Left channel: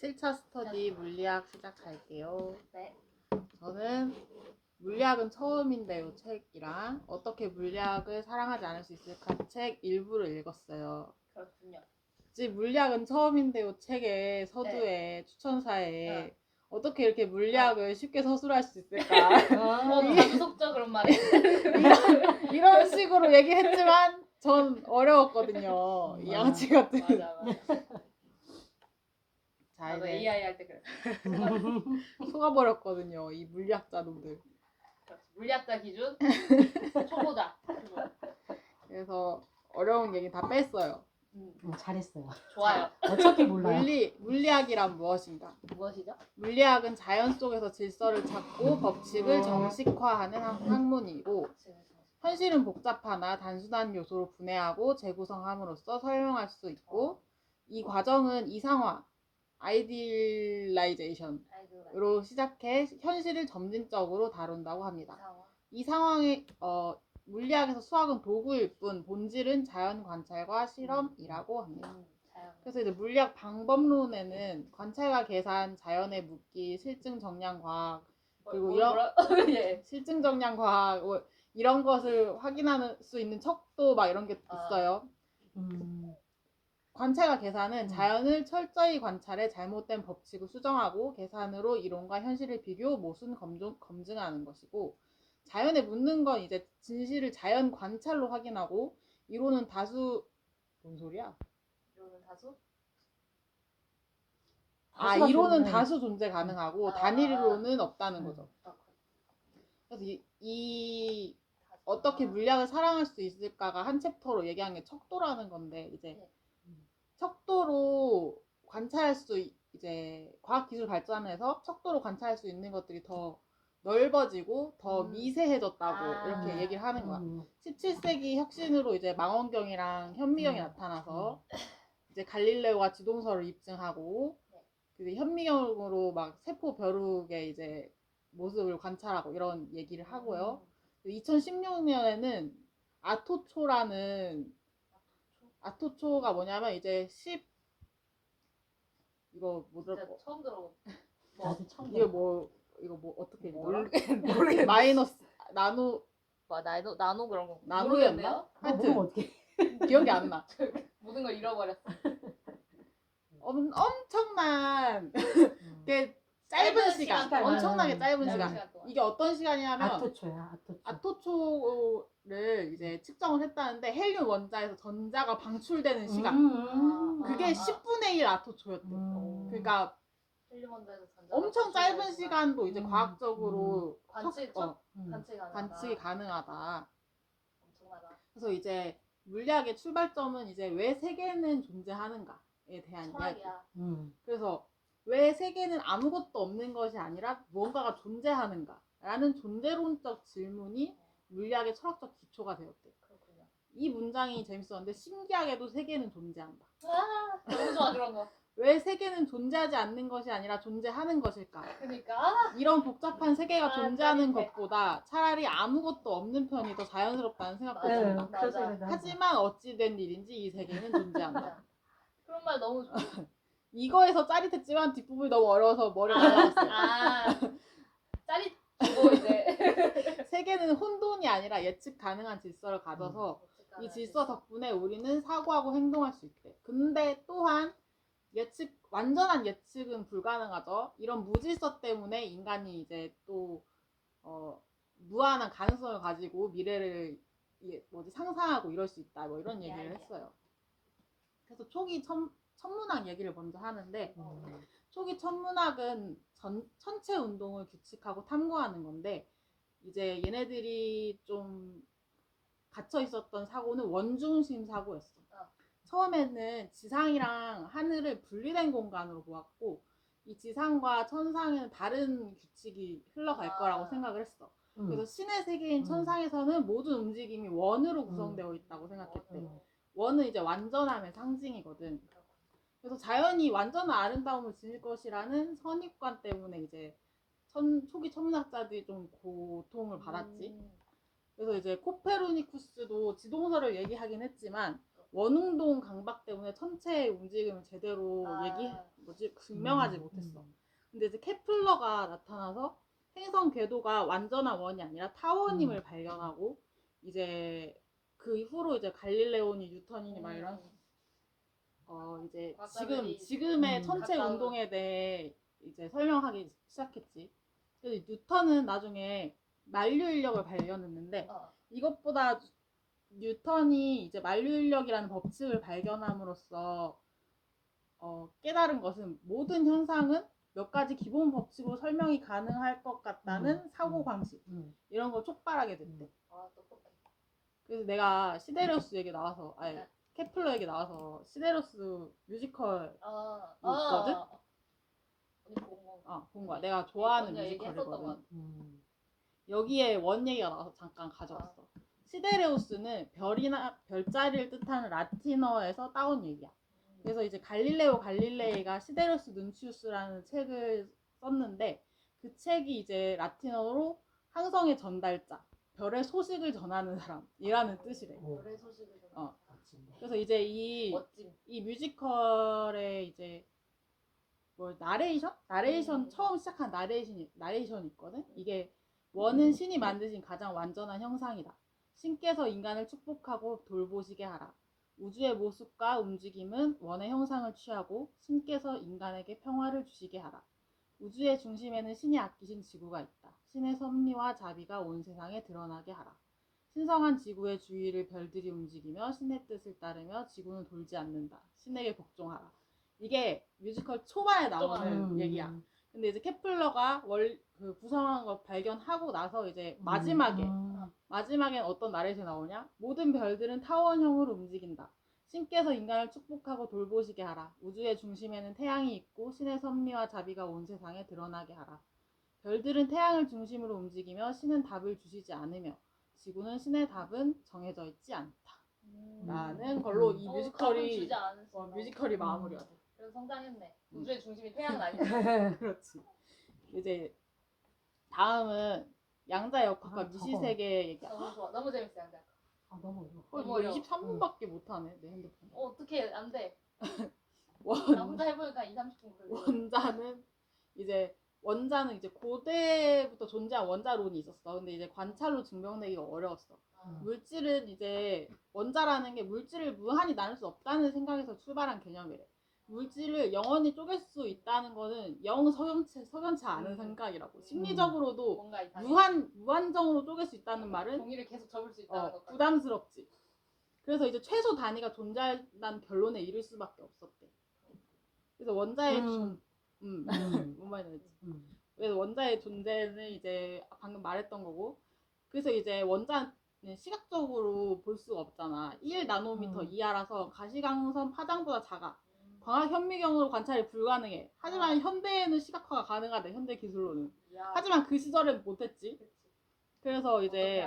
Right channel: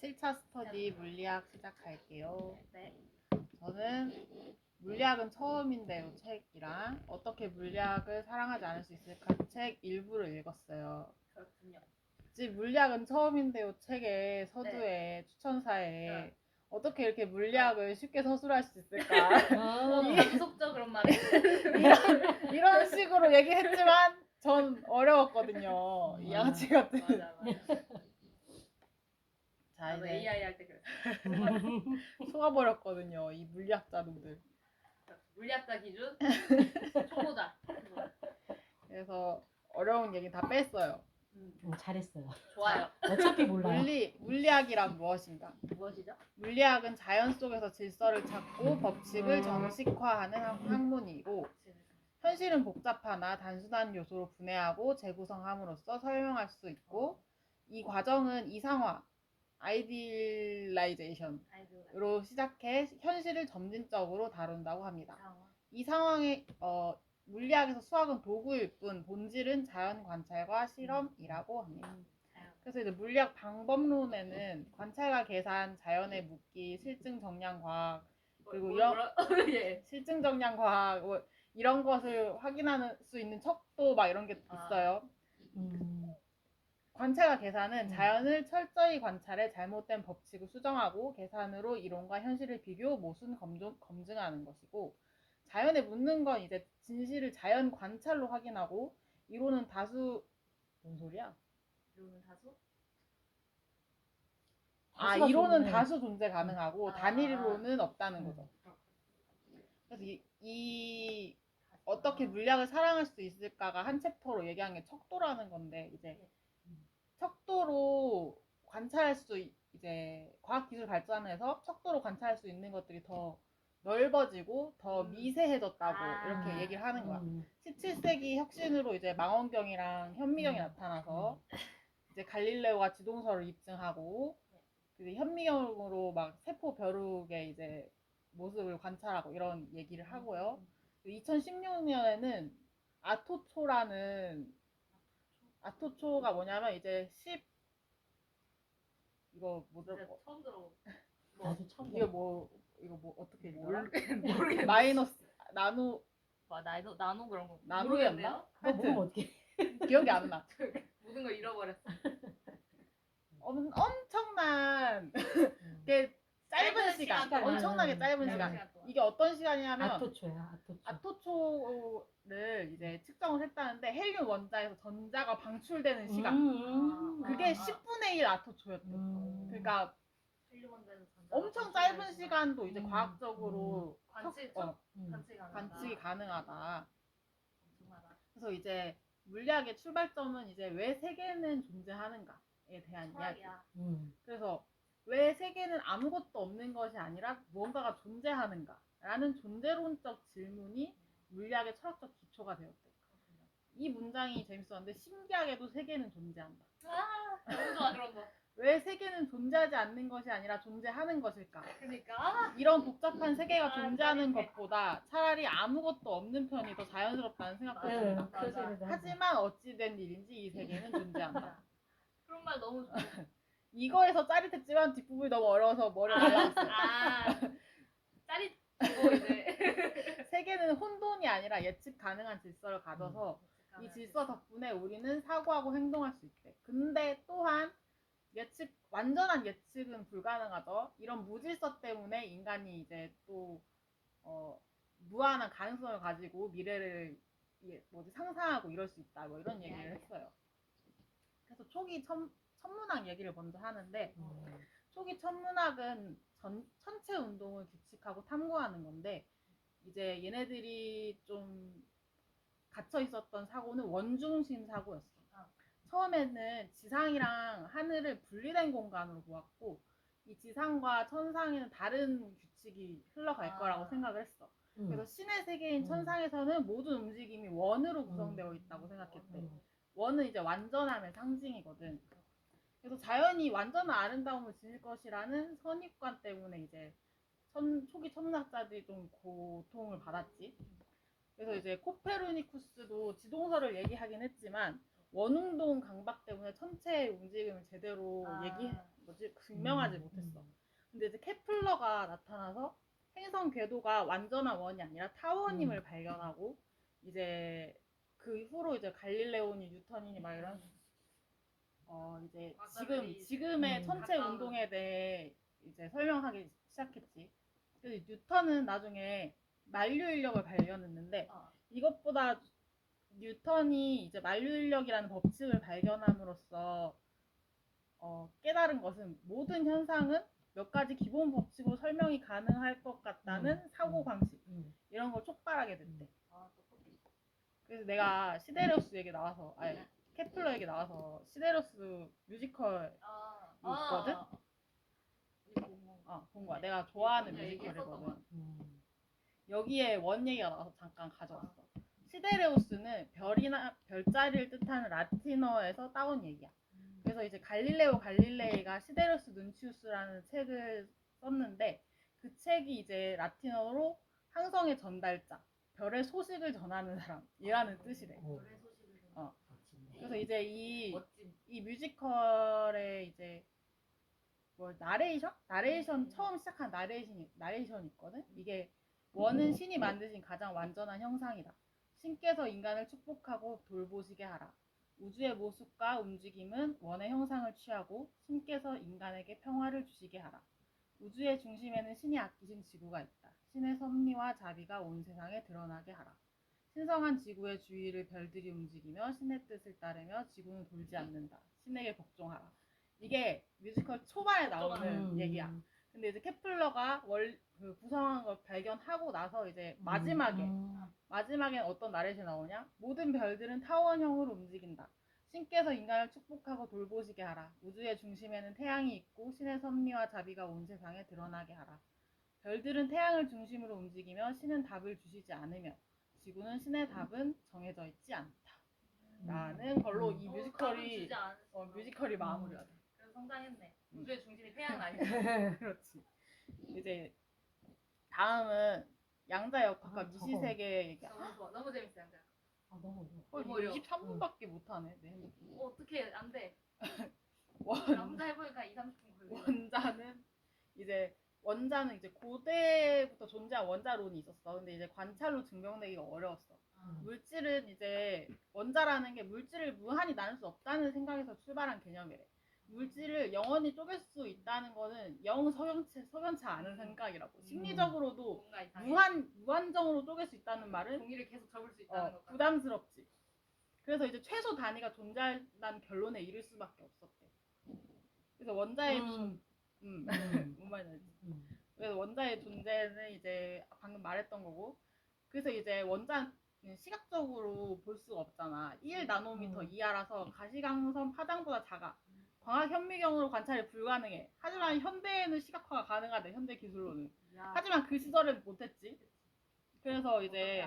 7차 스터디 물리학 시작할게요. 네. 저는 물리학은 처음인데요 책이랑 어떻게 물리학을 사랑하지 않을 수 있을까 책 일부를 읽었어요. 그렇군요. 물리학은 처음인데요 책의 서두에 추천사에 어떻게 이렇게 물리학을 쉽게 서술할 수 있을까 감속적 그런 말이 이런 식으로 얘기했지만 전 어려웠거든요. 이 양치 같은. 맞아. 자, 나도 이제 AI 할 때 그랬어. 속아버렸거든요. 이 물리학자 놈들. 물리학자 기준 초보자. 그래서 어려운 얘기 다 뺐어요. 잘했어요. 좋아요. 어차피 몰라요. 물리학이란 무엇인가? 무엇이죠? 물리학은 자연 속에서 질서를 찾고 법칙을 정식화하는 학문이고 현실은 복잡하나 단순한 요소로 분해하고 재구성함으로써 설명할 수 있고 이 과정은 이상화, 아이디라이제이션으로 시작해 현실을 점진적으로 다룬다고 합니다. 이 상황에 물리학에서 수학은 도구일 뿐 본질은 자연 관찰과 실험이라고 합니다. 그래서 이제 물리학 방법론에는 관찰과 계산, 자연의 묻기, 실증 정량 과학 그리고 예. 실증 정량 과학 이런 것을 확인할 수 있는 척도 막 이런 게 있어요. 관찰과 계산은 자연을 철저히 관찰해 잘못된 법칙을 수정하고 계산으로 이론과 현실을 비교, 모순, 검증하는 것이고 자연에 묻는 건 이제 진실을 자연 관찰로 확인하고 이론은 다수 뭔 소리야? 이론은 다수? 이론은 다수 존재 가능하고 단일 이론은 없다는 거죠. 그래서 이 어떻게 물리학을 사랑할 수 있을까가 한 챕터로 얘기한 게 척도라는 건데 이제 척도로 관찰할 수 이제 과학 기술 발전해서 척도로 관찰할 수 있는 것들이 더 넓어지고 더 미세해졌다고 이렇게 얘기를 하는 거야. 17세기 혁신으로 이제 망원경이랑 현미경이 나타나서 이제 갈릴레오가 지동설을 입증하고 이제 현미경으로 막 세포 벼룩의 이제 모습을 관찰하고 이런 얘기를 하고요. 2016년에는 아토초가 뭐냐면 이제 이거 처음 들어본. 이거 어떻게 뭐라? 모르겠 마이너스 나노 나노 그런 거. 나노였나? 하여튼 어떻게 기억이 안 나. 모든 걸 잃어버렸어. 엄청난 게 짧은 시간, 엄청나게 짧은 시간. 이게 어떤 시간이냐면 아토초를 이제 측정을 했다는데 헬륨 원자에서 전자가 방출되는 시간. 그게 10분의 1 아토초였대. 그러니까 엄청 짧은 시간도 이제 과학적으로 관측이 가능하다. 엄청나다. 그래서 이제 물리학의 출발점은 이제 왜 세계는 존재하는가에 대한 이야기. 그래서 왜 세계는 아무것도 없는 것이 아니라 무언가가 존재하는가라는 존재론적 질문이 물리학의 철학적 기초가 되었대요. 이 문장이 재밌었는데 신기하게도 세계는 존재한다. 너무 좋아 그런 거. 왜 세계는 존재하지 않는 것이 아니라 존재하는 것일까? 그러니까 이런 복잡한 세계가 존재하는 것보다 차라리 아무것도 없는 편이 더 자연스럽다는 생각도 듭니다. 하지만 어찌된 일인지 이 세계는 존재한다. 그런 말 너무 좋아. 이거에서 짜릿했지만 뒷부분이 너무 어려워서 머리가 날아갔어요. 짜릿하고 이제 세계는 혼돈이 아니라 예측 가능한 질서를 가져서 이 질서 덕분에 우리는 사고하고 행동할 수 있대. 근데 또한 완전한 예측은 불가능하죠. 이런 무질서 때문에 인간이 이제 또 무한한 가능성을 가지고 미래를 상상하고 이럴 수 있다. 뭐 이런 얘기를 했어요. 그래서 초기 천문학 얘기를 먼저 하는데 초기 천문학은 천체 운동을 규칙하고 탐구하는 건데 이제 얘네들이 좀 갇혀 있었던 사고는 원중심 사고였어. 처음에는 지상이랑 하늘을 분리된 공간으로 보았고 이 지상과 천상에는 다른 규칙이 흘러갈 거라고 생각을 했어. 그래서 신의 세계인 천상에서는 모든 움직임이 원으로 구성되어 있다고 생각했대. 원은 이제 완전함의 상징이거든. 그래서 자연이 완전한 아름다움을 지닐 것이라는 선입관 때문에 이제 초기 천문학자들이 좀 고통을 받았지. 그래서 이제 코페르니쿠스도 지동설을 얘기하긴 했지만 원흥동 강박 때문에 천체의 움직임을 제대로 증명하지 못했어. 근데 이제 케플러가 나타나서 행성 궤도가 완전한 원이 아니라 타원임을 발견하고 이제 그 이후로 이제 갈릴레오니 뉴턴이니 막 이런 이제 지금의 천체 가까운. 운동에 대해 이제 설명하기 시작했지. 그래서 뉴턴은 나중에 만류 인력을 발견했는데 이것보다 뉴턴이 이제 만류 인력이라는 법칙을 발견함으로써 깨달은 것은 모든 현상은 몇 가지 기본 법칙으로 설명이 가능할 것 같다는 사고 방식 이런 걸 촉발하게 됐대. 떡볶이. 그래서 내가 시데레우스 얘기 나와서 케플러 얘기 나와서 시데레우스 뮤지컬 있거든? 언니 본 거. 본 거야. 내가 좋아하는 언니가 얘기했었던 것 뮤지컬이거든. 여기에 원 얘기가 나와서 잠깐 가져왔어. 시데레우스는 별이나 별자리를 뜻하는 라틴어에서 따온 얘기야. 그래서 이제 갈릴레오 갈릴레이가 시데레우스 눈치우스라는 책을 썼는데 그 책이 이제 라틴어로 항성의 전달자, 별의 소식을 전하는 사람이라는 뜻이래. 별의 소식을 전하는 사람. 그래서 이제 이 멋짐. 뮤지컬의 이제 뭐 나레이션 처음 시작한 나레이션이 있거든. 이게 원은 신이 만드신 가장 완전한 형상이다. 신께서 인간을 축복하고 돌보시게 하라. 우주의 모습과 움직임은 원의 형상을 취하고 신께서 인간에게 평화를 주시게 하라. 우주의 중심에는 신이 아끼신 지구가 있다. 신의 섭리와 자비가 온 세상에 드러나게 하라. 신성한 지구의 주위를 별들이 움직이며 신의 뜻을 따르며 지구는 돌지 않는다. 신에게 복종하라. 이게 뮤지컬 초반에 나오는 얘기야. 근데 이제 케플러가 그 구성한 걸 발견하고 나서 이제 마지막엔 어떤 나레이션이 나오냐? 모든 별들은 타원형으로 움직인다. 신께서 인간을 축복하고 돌보시게 하라. 우주의 중심에는 태양이 있고 신의 섭리와 자비가 온 세상에 드러나게 하라. 별들은 태양을 중심으로 움직이며 신은 답을 주시지 않으며 지구는 신의 답은 정해져 있지 않다. 라는 걸로 이 뮤지컬이 마무리가 돼. 그래서 성장했네. 우주의 중심이 태양은 아니야. 그렇지. 이제 다음은 양자역학과 미시세계 얘기야. 너무 좋아. 너무 재밌어 양자. 너무 거의 너무 어려워. 23분밖에 못하네 내 핸드폰. 어떻게 안 돼? 원 나 혼자 해보니까 2-30분 걸려. 원자는 이제 고대부터 존재한 원자론이 있었어. 근데 이제 관찰로 증명되기가 어려웠어. 물질은 이제 원자라는 게 물질을 무한히 나눌 수 없다는 생각에서 출발한 개념이래. 물질을 영원히 쪼갤 수 있다는 거는 영 석연치 않은 생각이라고. 심리적으로도 뭔가 이상해. 무한정으로 쪼갤 수 있다는 말은 종이를 계속 접을 수 있다는 것 같아. 부담스럽지. 그래서 이제 최소 단위가 존재한다는 결론에 이를 수밖에 없었대. 그래서 원자의 뭔 말인지 알지? 그래서 원자의 존재는 이제 방금 말했던 거고, 그래서 이제 원자는 시각적으로 볼 수가 없잖아. 1나노미터 이하라서 가시광선 파장보다 작아. 광학 현미경으로 관찰이 불가능해. 하지만 현대에는 시각화가 가능하대. 현대 기술로는. 하지만 그 시절엔 못했지. 그래서 이제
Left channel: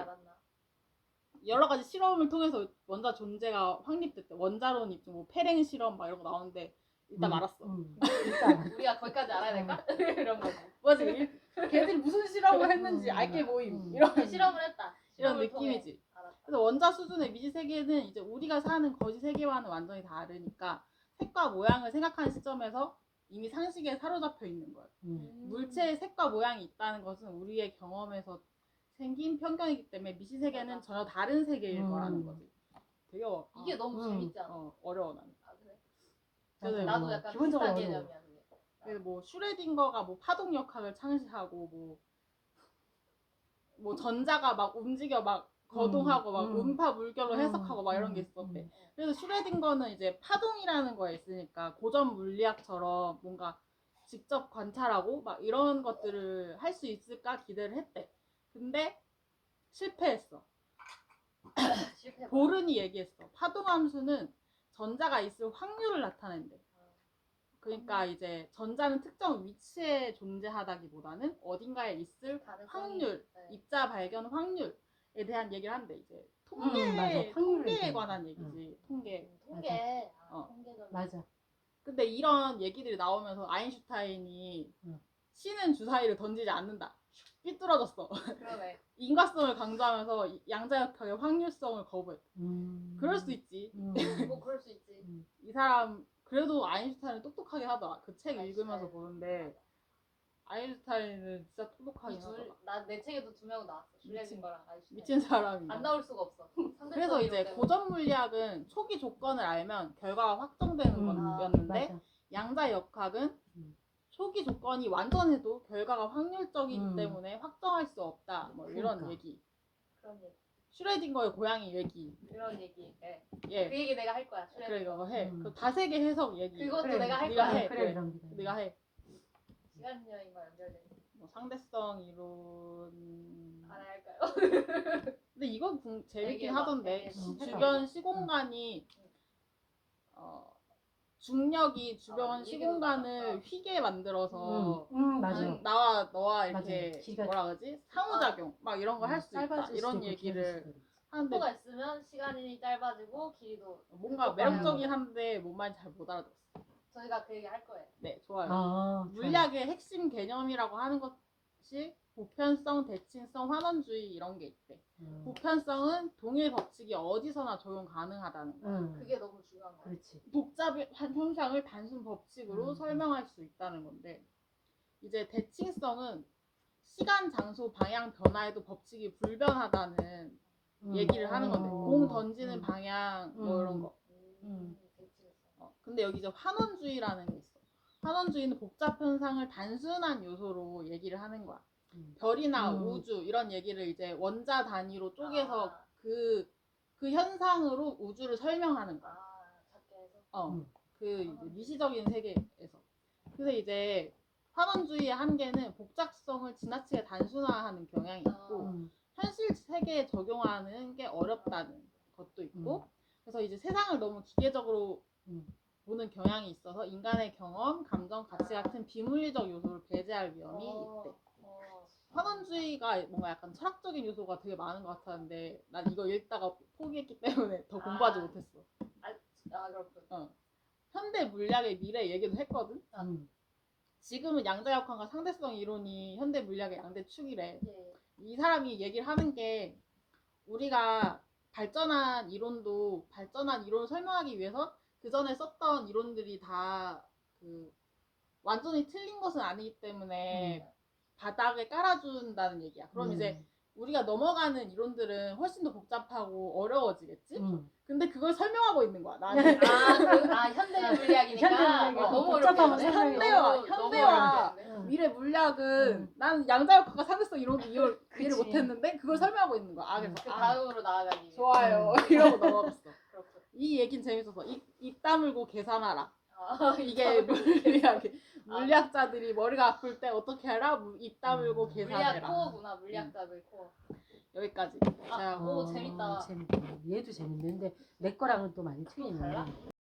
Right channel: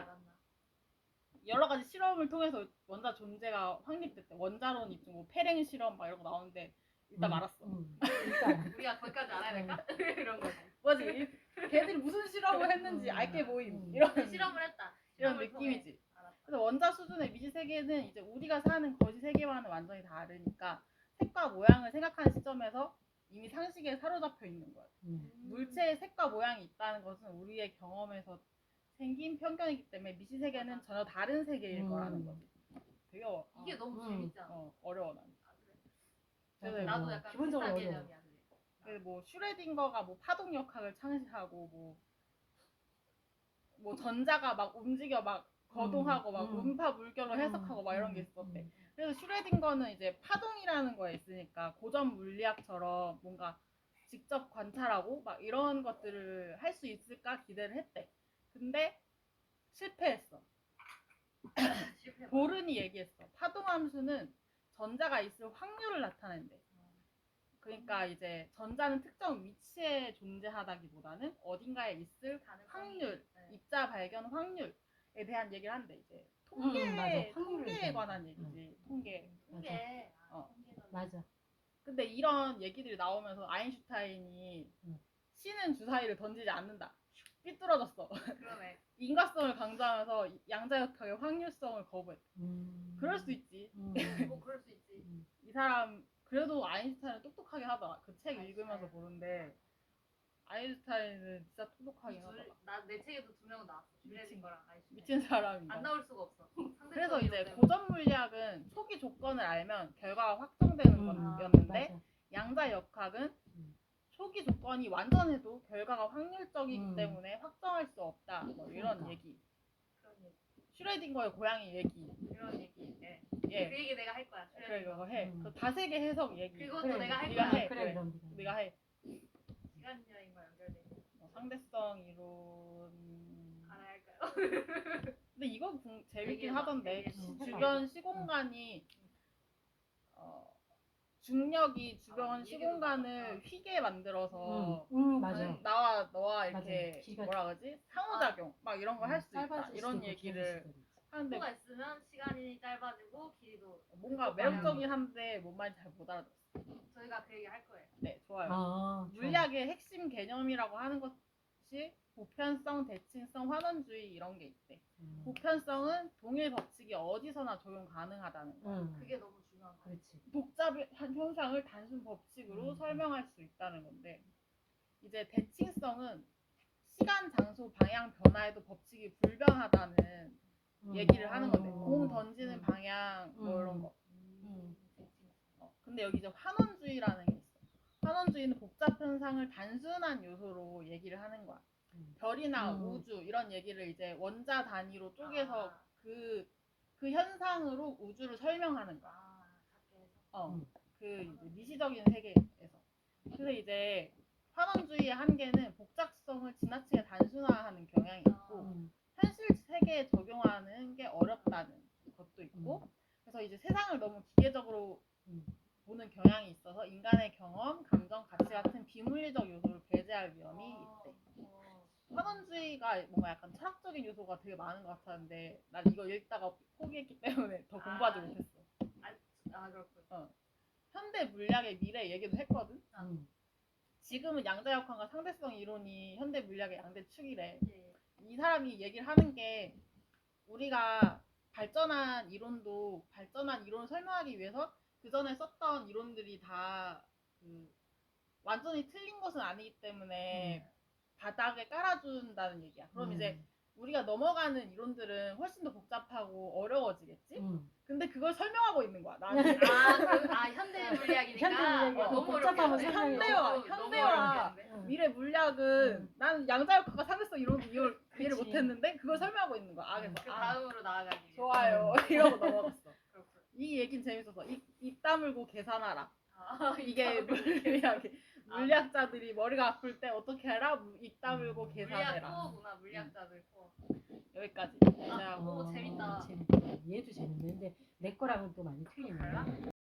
여러 가지 실험을 통해서 원자 존재가 확립됐대. 원자론 입증, 뭐 페랭 실험 막 이런 거 나오는데 일단 말았어. 우리가 거기까지 알아야 될까? 이런 거지. 뭐지? 걔들이 무슨 실험을 했는지 알게 모임. 이런 실험을 했다. 이런 느낌이지. 그래서 원자 수준의 미지 세계는 이제 우리가 사는 거지 세계와는 완전히 다르니까 색과 모양을 생각하는 시점에서 이미 상식에 사로잡혀 있는 거야. 물체의 색과 모양이 있다는 것은 우리의 경험에서 생긴 편견이기 때문에 미지 세계는 전혀 다른 세계일 거라는 거지. 되게 이게 너무 재밌지 않아? 어려워 난. 그래? 나도 약간 비슷한 개념이야. 그래서 뭐 슈레딩거가 뭐 파동역학을 창시하고 뭐 전자가 막 움직여 막 거동하고 막 음파 물결로 해석하고 막 이런 게 있었대. 그래서 슈레딩거는 이제 파동이라는 거에 있으니까 고전 물리학처럼 뭔가 직접 관찰하고 막 이런 것들을 할 수 있을까 기대를 했대. 근데 실패했어. 보른이 얘기했어. 파동함수는 전자가 있을 확률을 나타낸대. 그러니까 이제 전자는 특정 위치에 존재하다기보다는 어딘가에 있을 확률, 입자 발견 확률에 대한 얘기를 한대. 이제 통계에 관한 얘기지. 통계. 맞아. 근데 이런 얘기들이 나오면서 아인슈타인이 신은 주사위를 던지지 않는다. 삐뚤어졌어. 그러네. 인과성을 강조하면서 양자역학의 확률성을 거부했다. 그럴 수 있지. 뭐 그럴 수 있지. 이 사람 그래도 아인슈타인은 똑똑하게 하더라. 그 책 읽으면서 아인슈타인. 보는데 아인슈타인은 진짜 똑똑하게 하더라. 난내 책에도 2명 나왔어. 슈레딩거랑 아인슈타인. 미친 사람이다. 안 나올 수가 없어. 그래서 이제 고전 물리학은 초기 조건을 알면 결과가 확정되는 거였는데 맞아. 양자역학은 음. 초기 조건이 완전해도 결과가 확률적이기 음. 때문에 확정할 수 없다. 뭐 이런 그러니까. 얘기. 그런 얘기. 슈레딩거의 고양이 얘기. 그런 얘기. 네. 예. 그 얘기 내가 할 거야. 그래 슈레딩거. 이거 해. 음. 그 다세계 해석 얘기. 그것도 그래, 내가 할 네가 거야. 해. 그래, 이런 거. 네가 해. 시간 여행과 연결돼 있어. 뭐 상대성 이론. 알아야 할까요? 근데 이건 재밌긴 얘기해봐. 하던데 얘기해봐. 주변 시공간이 중력이 주변 얘기도 시공간을 나왔다. 휘게 만들어서 맞아. 나와 너와 이렇게 맞아. 지가- 뭐라 그러지 상호작용 막 이런 거 할 수 있다 짧아질 이런 수도 있고 얘기를 길어질 수도 있고. 하는데 속도가 있으면 시간이 짧아지고 길이도 뭔가 속도가 매력적인 한데 뭔 말인지 잘 못 알아들었어. 저희가 그 얘기 할 거예요. 네 좋아요. 좋아요. 물리학의 핵심 개념이라고 하는 것이 보편성, 대칭성, 환원주의 이런 게 있대. 보편성은 동일 법칙이 어디서나 적용 가능하다는 거. 그게 너무 중요한 거야. 그렇지. 복잡한 현상을 단순 법칙으로 설명할 수 있다는 건데 이제 대칭성은 시간, 장소, 방향 변화에도 법칙이 불변하다는 얘기를 하는 건데 공 던지는 방향 뭐 이런 거. 근데 여기 이제 환원주의라는 게 있어. 환원주의는 복잡 현상을 단순한 요소로 얘기를 하는 거야. 별이나 우주 이런 얘기를 이제 원자 단위로 쪼개서 그 현상으로 우주를 설명하는 거야. 작게 해서. 그 이제 미시적인 세계에서. 그래서 이제 환원주의의 한계는 복잡성을 지나치게 단순화하는 경향이 있고 현실 세계에 적용하는 게 어렵다는 것도 있고 그래서 이제 세상을 너무 기계적으로 보는 경향이 있어서 인간의 경험, 감정, 가치 같은 비물리적 요소를 배제할 위험이 있대. 환원주의가 뭔가 약간 철학적인 요소가 되게 많은 것 같았는데 난 이거 읽다가 포기했기 때문에 더 공부하지 못했어. 그렇군. 현대 물리학의 미래 얘기도 했거든. 지금은 양자역학과 상대성 이론이 현대 물리학의 양대 축이래. 네. 이 사람이 얘기를 하는 게 우리가 발전한 이론을 설명하기 위해서 그 전에 썼던 이론들이 다 그 완전히 틀린 것은 아니기 때문에 바닥에 깔아준다는 얘기야. 그럼 이제 우리가 넘어가는 이론들은 훨씬 더 복잡하고 어려워지겠지? 근데 그걸 설명하고 있는 거야. 나는. 현대 물리학이니까 너무 복잡하면 어렵게 현대와 미래 물리학은 나는 양자역학과 상대성 이런 거 이해를 못했는데 그걸 설명하고 있는 거야. 그래서 그 다음으로 나아가기 위해. 좋아요. 이러고 넘어갔어. 그렇군. 이 얘긴 재밌어서 입 다물고 계산하라. 이게 물리학 물리학자들이 머리가 아플 때 어떻게 하라? 입 다물고 계산해라. 코어구나. 물리학자들 코어. 여기까지. 오 재밌다. 재밌다. 얘도 재밌는데 내 거랑은 또 많이 틀리네. 달라?